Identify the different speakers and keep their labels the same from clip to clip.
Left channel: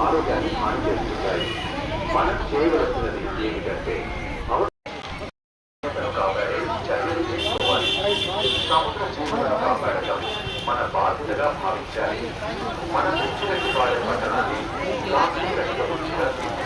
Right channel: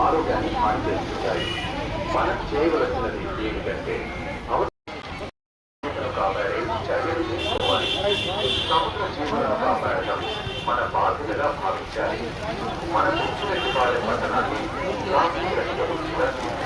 Speaker 1: ఆరోగ్యాన్ని హాని చేస్తుంటాయి మనం చేయవలసినది ఏమిటంటే మన బాధ్యతగా భావించాలి. మన తెచ్చినట్టు వారి పట్టణాన్ని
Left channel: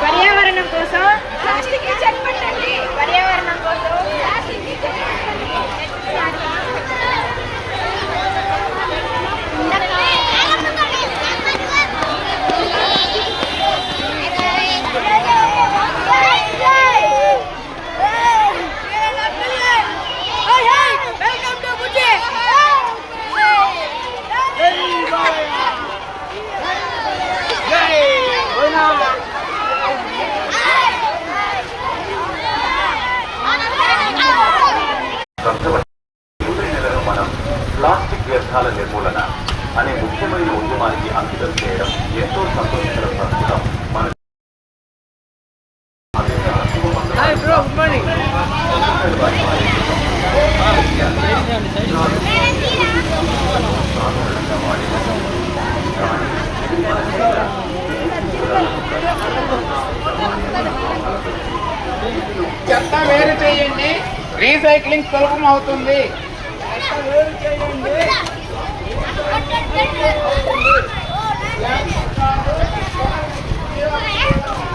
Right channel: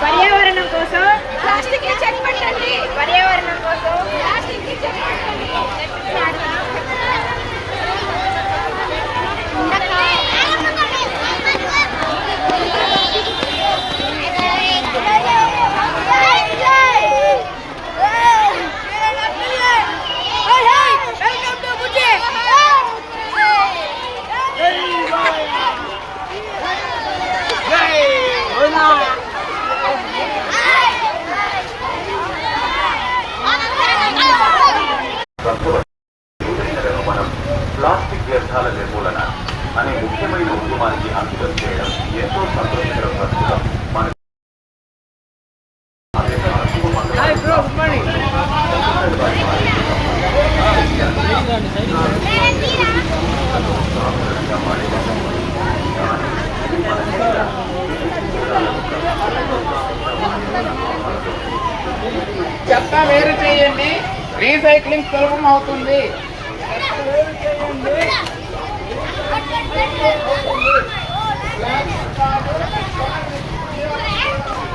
Speaker 2: పర్యావరణం కోసం ప్లాస్టిక్ చెక్ పెట్టండి. పర్యావరణం కోసం వెల్కమ్ టు బుజ్జి
Speaker 1: సంఘవైన మనం ప్లాస్టిక్ వ్యర్థాల నిర్మూలన అనే ముఖ్యమైన ఉద్యమానికి అంకితం చేయడం ఎంతో సంతోషకర ప్రస్తుతం మన సాధారణంగా వాడే వస్తువులు. కానీ ఇది మన మీద
Speaker 3: చెత్త వేరు చేయండి. రీసైక్లింగ్ సులభం అవుతుంది.
Speaker 2: మా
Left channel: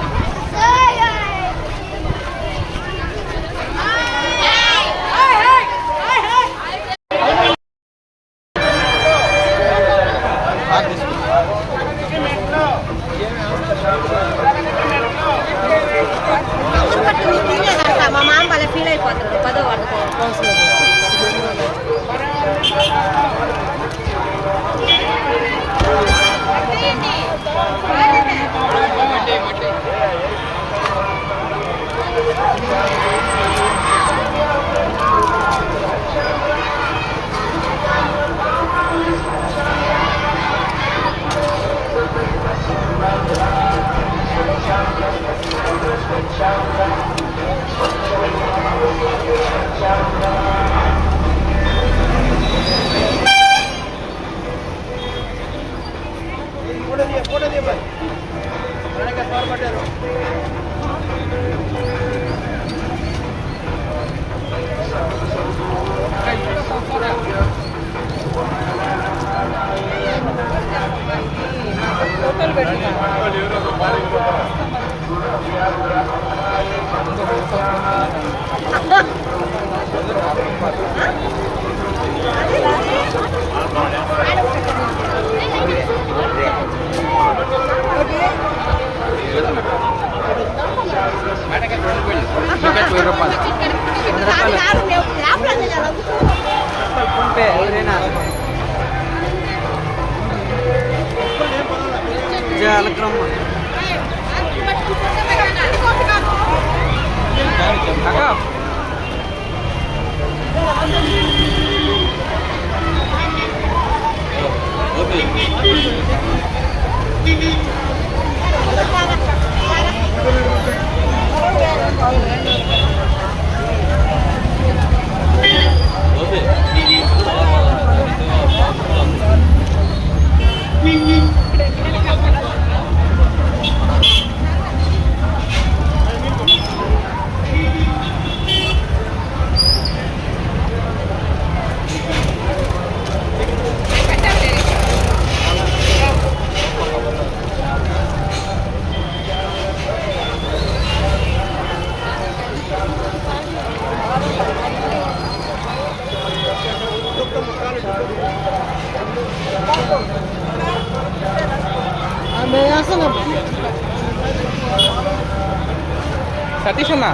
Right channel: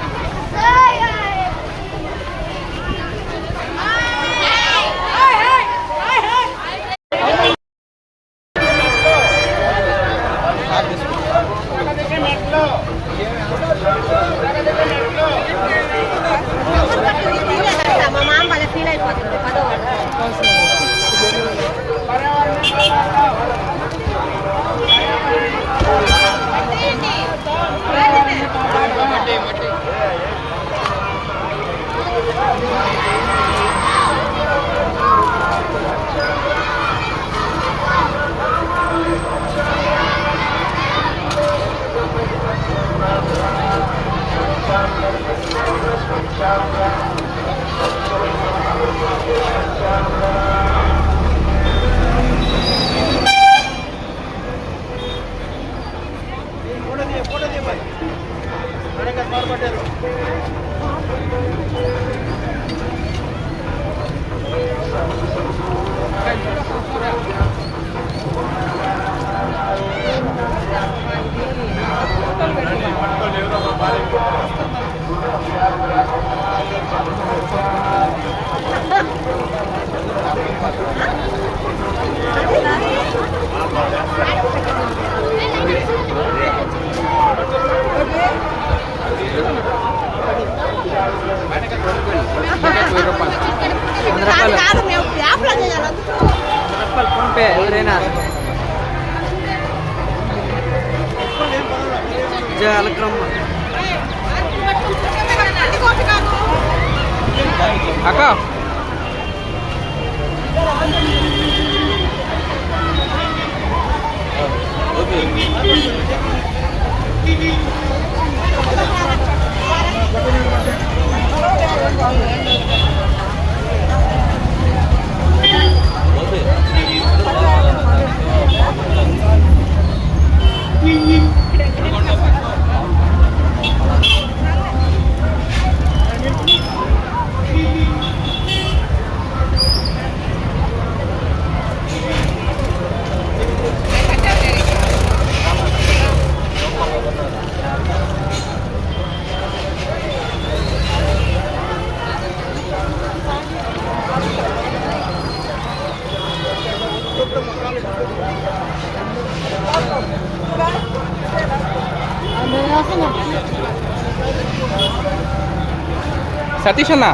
Speaker 2: వంద రూపాయలు. వంద రూపాయలు ఫోన్పే ఎవరైనా
Speaker 4: అలక్రమ్మ అక్క.
Speaker 3: ఓకే তেইশে
Speaker 1: না?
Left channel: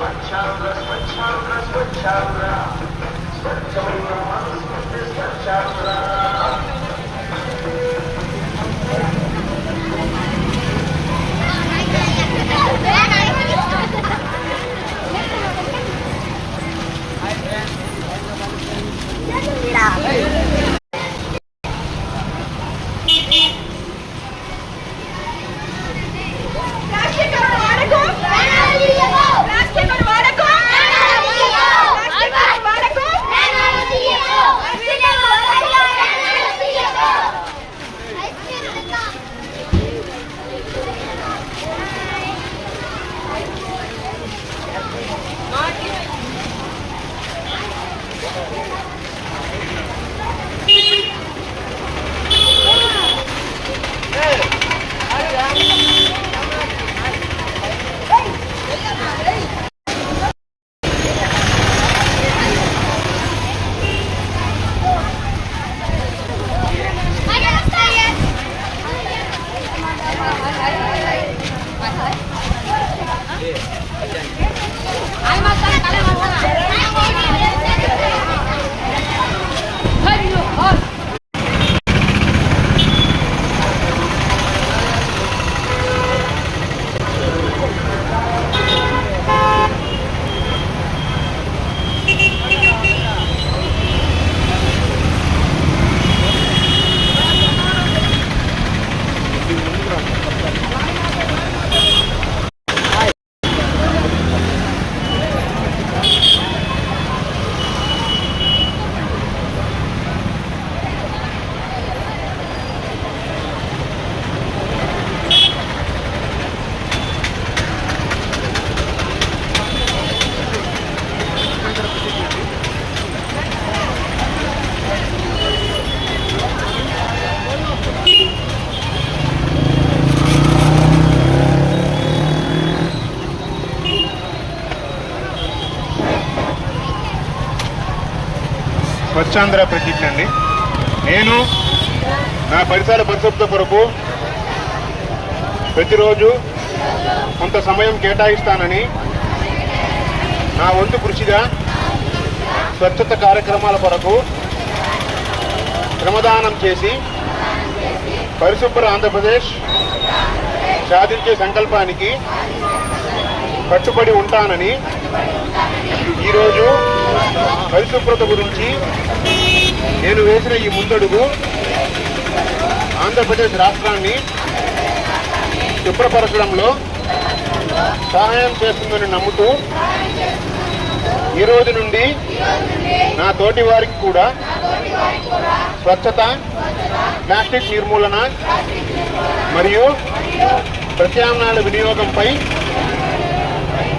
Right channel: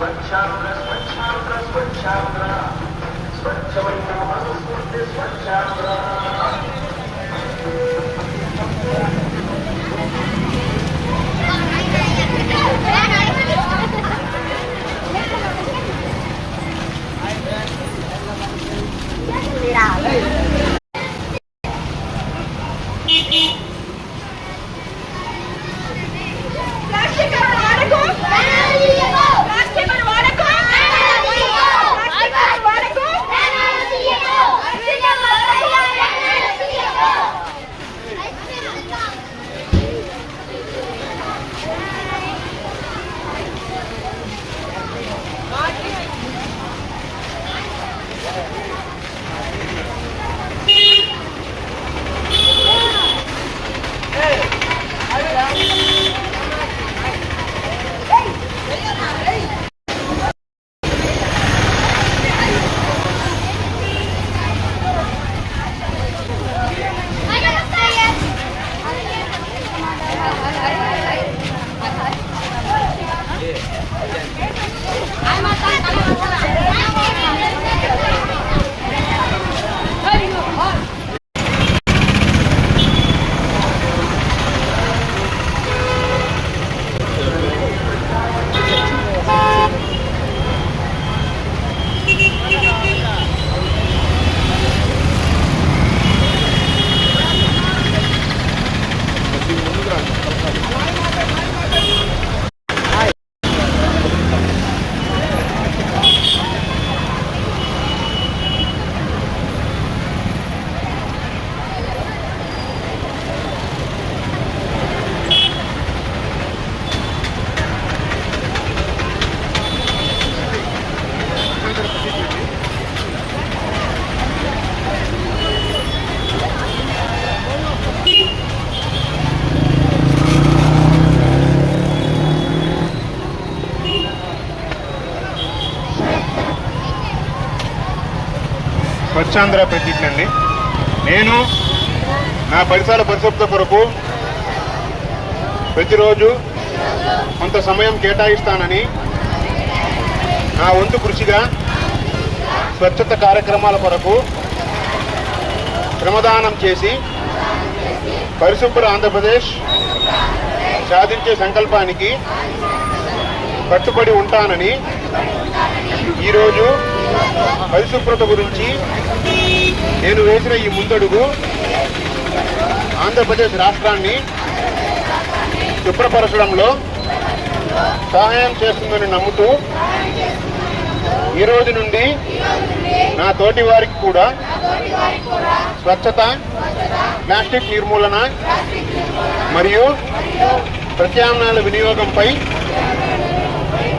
Speaker 1: సతీష్ అన్న ప్లాస్టిక్
Speaker 4: స్వచ్ఛాంధ్ర ప్రతిజ్ఞ అండి. నేను నా పరిసర పరిశుభ్రత కొరకు ప్రతిరోజు కొంత సమయం కేటాయిస్తానని నా వంతు కృషిగా స్వచ్ఛత కార్యక్రమాల కొరకు శ్రమదానం చేసి పరిశుభ్ర ఆంధ్రప్రదేశ్ సాధించే సంకల్పానికి కట్టుబడి ఉంటానని ఈరోజు పరిశుభ్రత గురించి నేను వేసిన ఈ ముందడుగు ఆంధ్రప్రదేశ్ రాష్ట్రాన్ని శుభ్రపరచడంలో సహాయం చేస్తుందని నమ్ముతూ ఈ రోజు నుండి నా తోటి వారికి కూడా స్వచ్ఛత ప్లాస్టిక్ నిర్మూలన మరియు ప్రత్యామ్నాయాల వినియోగంపై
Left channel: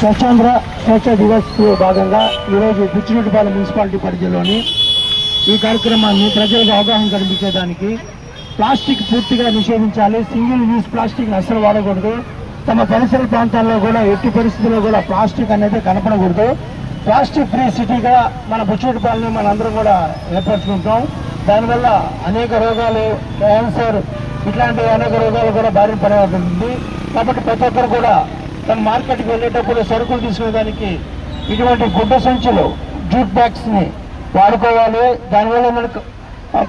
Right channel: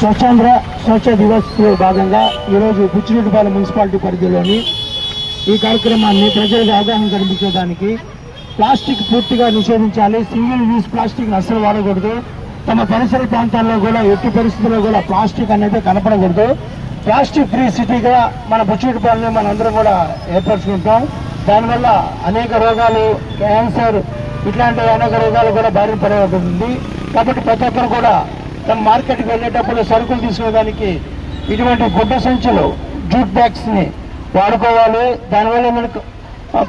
Speaker 5: స్వచ్ఛాంధ్ర స్వచ్ఛ దివస్ భాగంగా ఈరోజు బుచ్చిరెడ్డిపాలెం మున్సిపాలిటీ పరిధిలోని ఈ కార్యక్రమాన్ని ప్రజలకు అవగాహన కల్పించేదానికి ప్లాస్టిక్ పూర్తిగా నిషేధించాలి. సింగిల్ యూజ్ ప్లాస్టిక్ అస్సలు వాడకూడదు. తమ పరిసర ప్రాంతాల్లో కూడా ఎట్టి పరిస్థితుల్లో కూడా ప్లాస్టిక్ అనేది కనపడకూడదు. ప్లాస్టిక్ ఫ్రీ సిటీగా మన బుచ్చిరెడ్డిపాలెం మనందరం కూడా ఏర్పరచుకుంటాం. దానివల్ల అనేక రోగాలు క్యాన్సర్ ఇట్లాంటి అనేక రోగాలు కూడా బారిన పడేది కాబట్టి ప్రతి ఒక్కరు కూడా తమ మార్కెట్కి వెళ్ళేటప్పుడు సరుకులు తీసుకోవడానికి ఇటువంటి గుడ్డ సంచులు జూట్ బ్యాగ్స్ని వాడుకోవాలి. దానివల్ల మనకు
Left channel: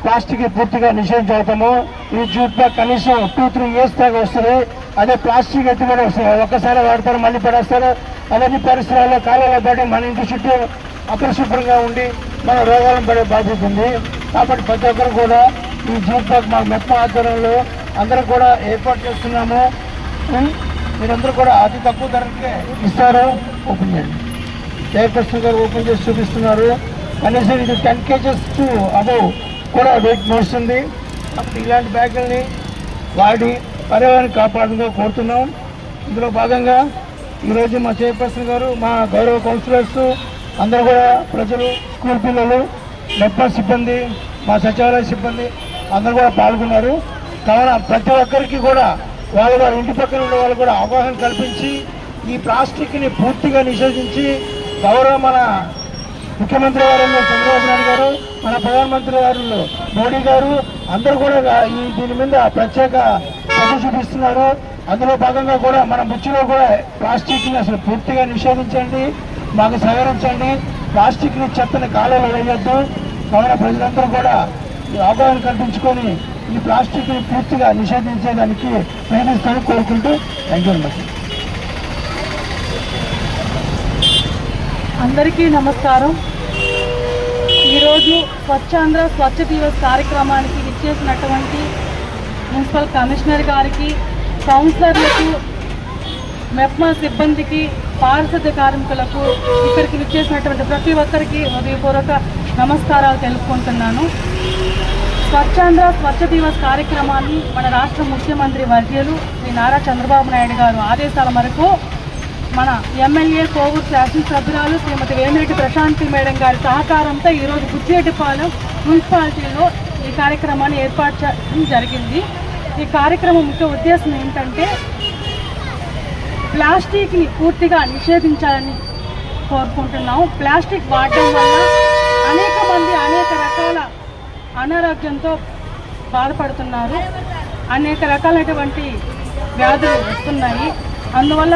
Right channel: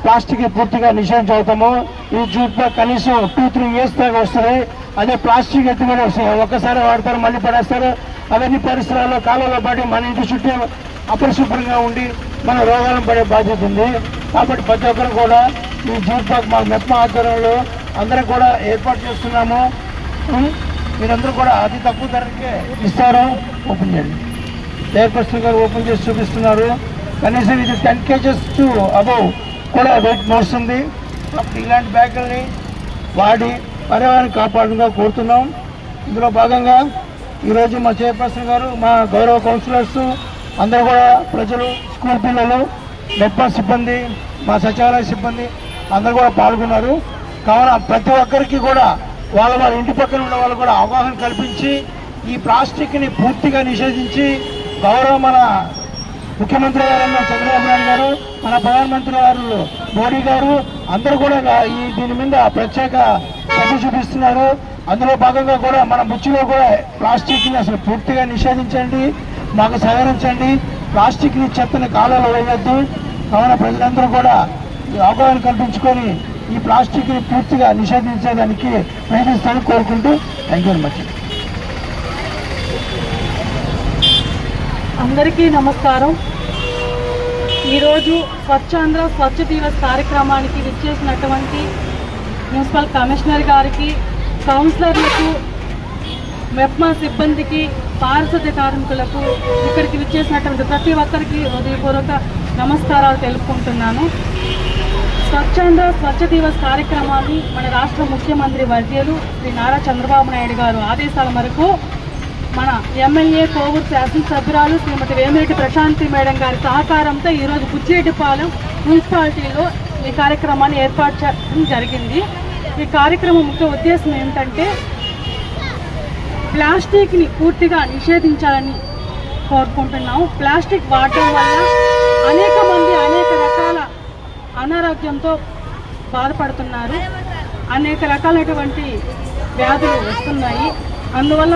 Speaker 5: ప్లాస్టిక్ పూర్తిగా నిషేధించవుతాము ఈ జూట్ బ్యాగ్ కనీసం టూ త్రీ ఇయర్స్ దాకా వస్తుంది. అదే ప్లాస్టిక్ ఎత్తుమని వస్తుంది. ఒక్కసారి వాడతారు మళ్ళీ పడేస్తారు. అవన్నీ పరిసరాల్లో కాలంలో పాటు మన ఇంటి చుట్టూ అపరిశుభ్రంగా ఉండి మన రోగాలను పడే బాధ్యత ఉంది. కాబట్టి ప్రతి ఒక్కరు కూడా ఈ జూట్ మా మెప్ప ఆధ్వర్యంలో అందరూ కూడా ఏర్పాటు చేస్తున్నాము. మీరందరూ కూడా అతి తక్కువ ధరకే ఇస్తారు. ఓపెన్ చేయండి. చైర్పర్సన్ గారు ఓపెన్ చేసి చూపిస్తున్నారు. కనీసం ఇది టెన్ కేజెస్ టు అబౌవ్ కూడా వెయిట్ మోస్తుంది అప్పుడు ఇలాంటి బ్యాగుల్ని వాడి పర్యావరణం కాపాడుగా కోరుతున్నాం. ఇందులో భాగంగా ఈరోజు మా చైర్పర్సన్ గారు మా గౌరవ కౌన్సిలర్స్ అందరూ కూడా ప్రజలు స్కూల్ పిల్లలు మెప్ప సిబ్బంది మా సచివాలయ సిబ్బంది అందరూ కూడా పాల్గొన్నారు. కావున ప్రతి ఒక్కరికి కూడా వాళ్ళ వాళ్ళ ఇంటి పక్కన ఉన్న వాళ్ళు కూడా అవగాహన కల్పించి ఈ ప్లాస్టిక్ని పూర్తిగా నిషేధించి గౌరవ మన ముఖ్యమంత్రి వారు చంద్రబాబు నాయుడు గారు మన ప్రధానమంత్రి వారు మోడీ గారు అందరూ కూడా ఈ దీని మీద ప్రత్యేక శ్రద్ధ చూపిస్తున్నారు. అందులో భాగంగా కూడా మన ముచ్చిలో కూడా ప్లాస్టిక్ని అసలు పూర్తిగా నిషేధించండి మాకు సహకరించండి. ప్లాస్టిక్ని చెత్తని కాలంలో వేయొద్దు కావున ప్రజలందరూ కూడా ఈ అవగాహన కల్పించుకొని ఈ ప్లాస్టిక్ని పూర్తిగా నిషేధించేదానికి ప్రయత్నిస్తాను కోరుకుంటూ థ్యాంక్ యూ మచ్
Speaker 6: అందరికీ నమస్కారం. ఈరోజు స్వచ్ఛాంధ్ర స్వచ్ఛ దివస్ కార్యక్రమానికి విచ్చేసినటువంటి మున్సిపల్ కమిషనర్ గారికి కౌన్సిలర్లకు మెప్మా సిబ్బందికి పారిశుద్ధ్య కార్మికులకు ఇక్కడికి విచ్చేసినటువంటి ప్రతి ఒక్కరికి హృదయపూర్వక నమస్కారాలు తెలుపుకుంటున్నాను. స్వచ్ఛాంధ్ర స్వచ్ఛ దివస్ కార్యక్రమాన్ని మన రాష్ట్ర ముఖ్యమంత్రి వర్యులు శ్రీ నారా చంద్రబాబు నాయుడు గారు ఆదేశాల మేరకు మన ఎమ్మెల్యే కోవూరు శాసనసభ్యురాలు శ్రీమతి వేమిరెడ్డి ప్రశాంతి మేడం గారి సహకారంతో ఈరోజు బుచ్చిరెడ్డిపాలెం మున్సిపాలిటీలో ఈ కార్యక్రమాన్ని ఏర్పాటు చేయడం జరిగింది. ఈ కార్యక్రమం ముఖ్య ఉద్దేశం ఏమిటంటే ప్లాస్టిక్ని పూర్తిగా నిషేధించాలని కోరుకుంటున్నాము. ప్లాస్టిక్ వాడటం వల్ల అనేక మంది అనేక రకాల అనారోగ్యంతో బాధపడుతున్నారు. అనేక రకాలైనటువంటి వ్యాధులు వస్తున్నాయి. అందువల్ల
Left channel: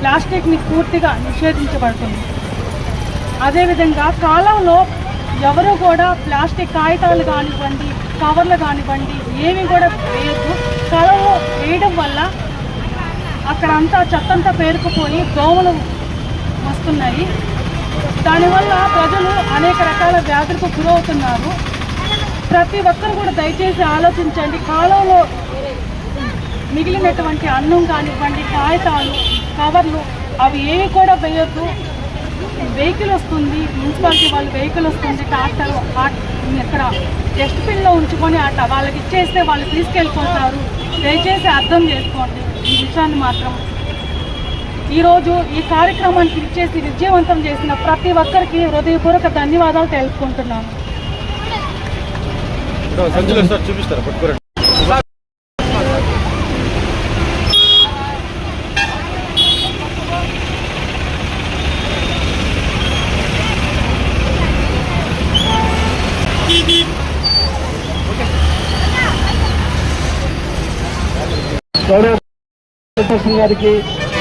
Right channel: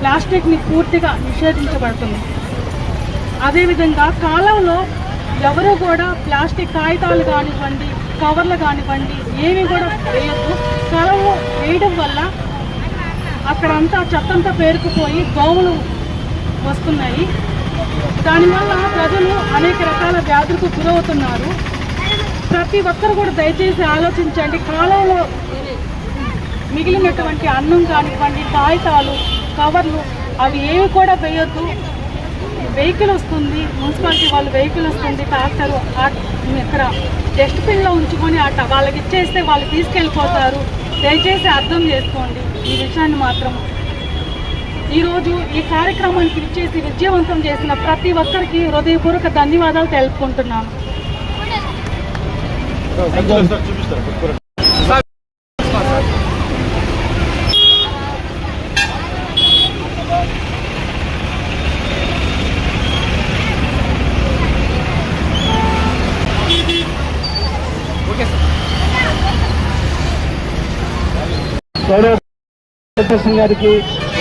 Speaker 6: ప్లాస్టిక్ని పూర్తిగా నిషేధించబడుతుంది. అదేవిధంగా కాలంలో ఎవరు కూడా ప్లాస్టిక్ కాగితాలు కానివ్వండి కవర్లు కానివ్వండి ఏవి కూడా వేయద్దు. కలవు వేయడం వల్ల అక్కడంతా చెత్తంతా పేరుకుపోయి దోమలు వస్తున్నాయి. దానివల్ల ప్రజలు అనేక రకాల వ్యాధులకు గురవుతున్నారు. ప్రతి ఒక్కరు కూడా దయచేసి ఆలోచించండి. కాలంలో మిగిలినటువంటి అన్నం కానివ్వండి కాగితాలు కవర్లు అవి ఏవి కూడా వేయొద్దు. వెహికల్ వస్తుంది మున్సిపాలిటీ వాళ్ళు వెహికల్ వస్తుంది ట్రాక్టర్ ఇక్కడ డస్ట్బిన్లో ఉంచుకొని అట్ట వాళ్ళకి ఇచ్చేస్తే వాళ్ళు తీసుకెళ్ళిపోతారు. దయచేసి అర్థం చేసుకోండి. ఈ విషయాన్ని మాత్రం ఈరోజు ఈ కార్యక్రమానికి ఇచ్చేసి విజయవంతం చేసిన ప్రతి ఒక్కరికి హృదయపూర్వక ధన్యవాదాలు తెలుపుకుంటున్నాను
Speaker 5: గౌరవ సింగ్ గారికి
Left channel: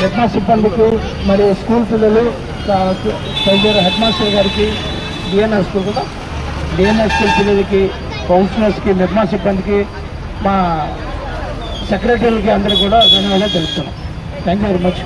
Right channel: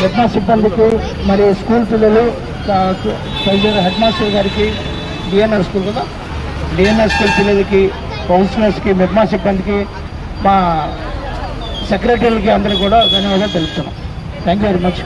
Speaker 5: హెడ్ సిబ్బందికి మరి స్కూల్ పిల్లలు చౌదరి హెడ్ మాస్టర్ గారికి డిఎంఎస్ స్కూల్ కదా? డిఎంఎస్ స్కూల్ పిల్లలకి కౌన్సిలర్స్కి హెడ్ సిబ్బందికి మా సెక్రటరీలకి అందరూ కూడా ధన్యవాదాలు తెలుపుతున్నాం. Thank you very much